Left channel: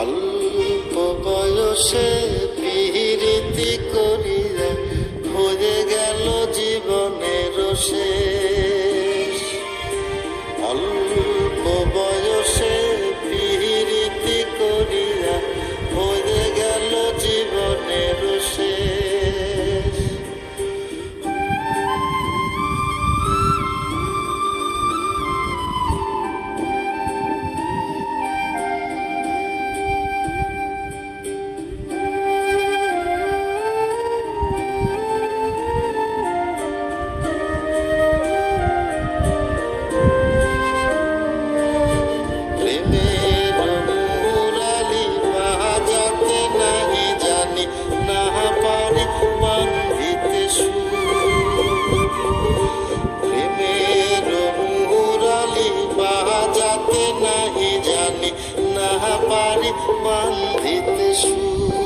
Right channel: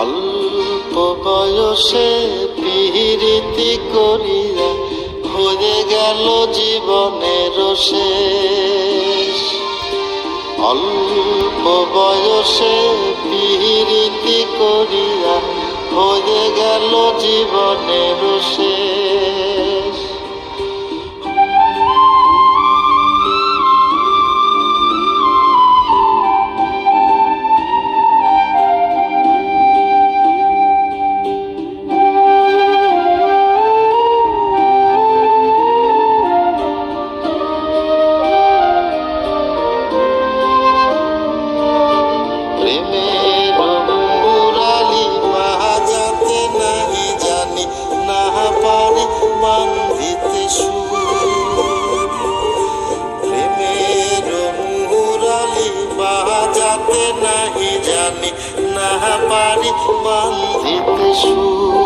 অল্প বয়সে পিরিতি করিয়া হয়ে গেল জীবনের শেষ। অল্প বয়সে পিরিতি করিয়া হয়ে গেল জীবনের শেষ। বাজাতে নাহি জানি, না পারি বান্ধিতে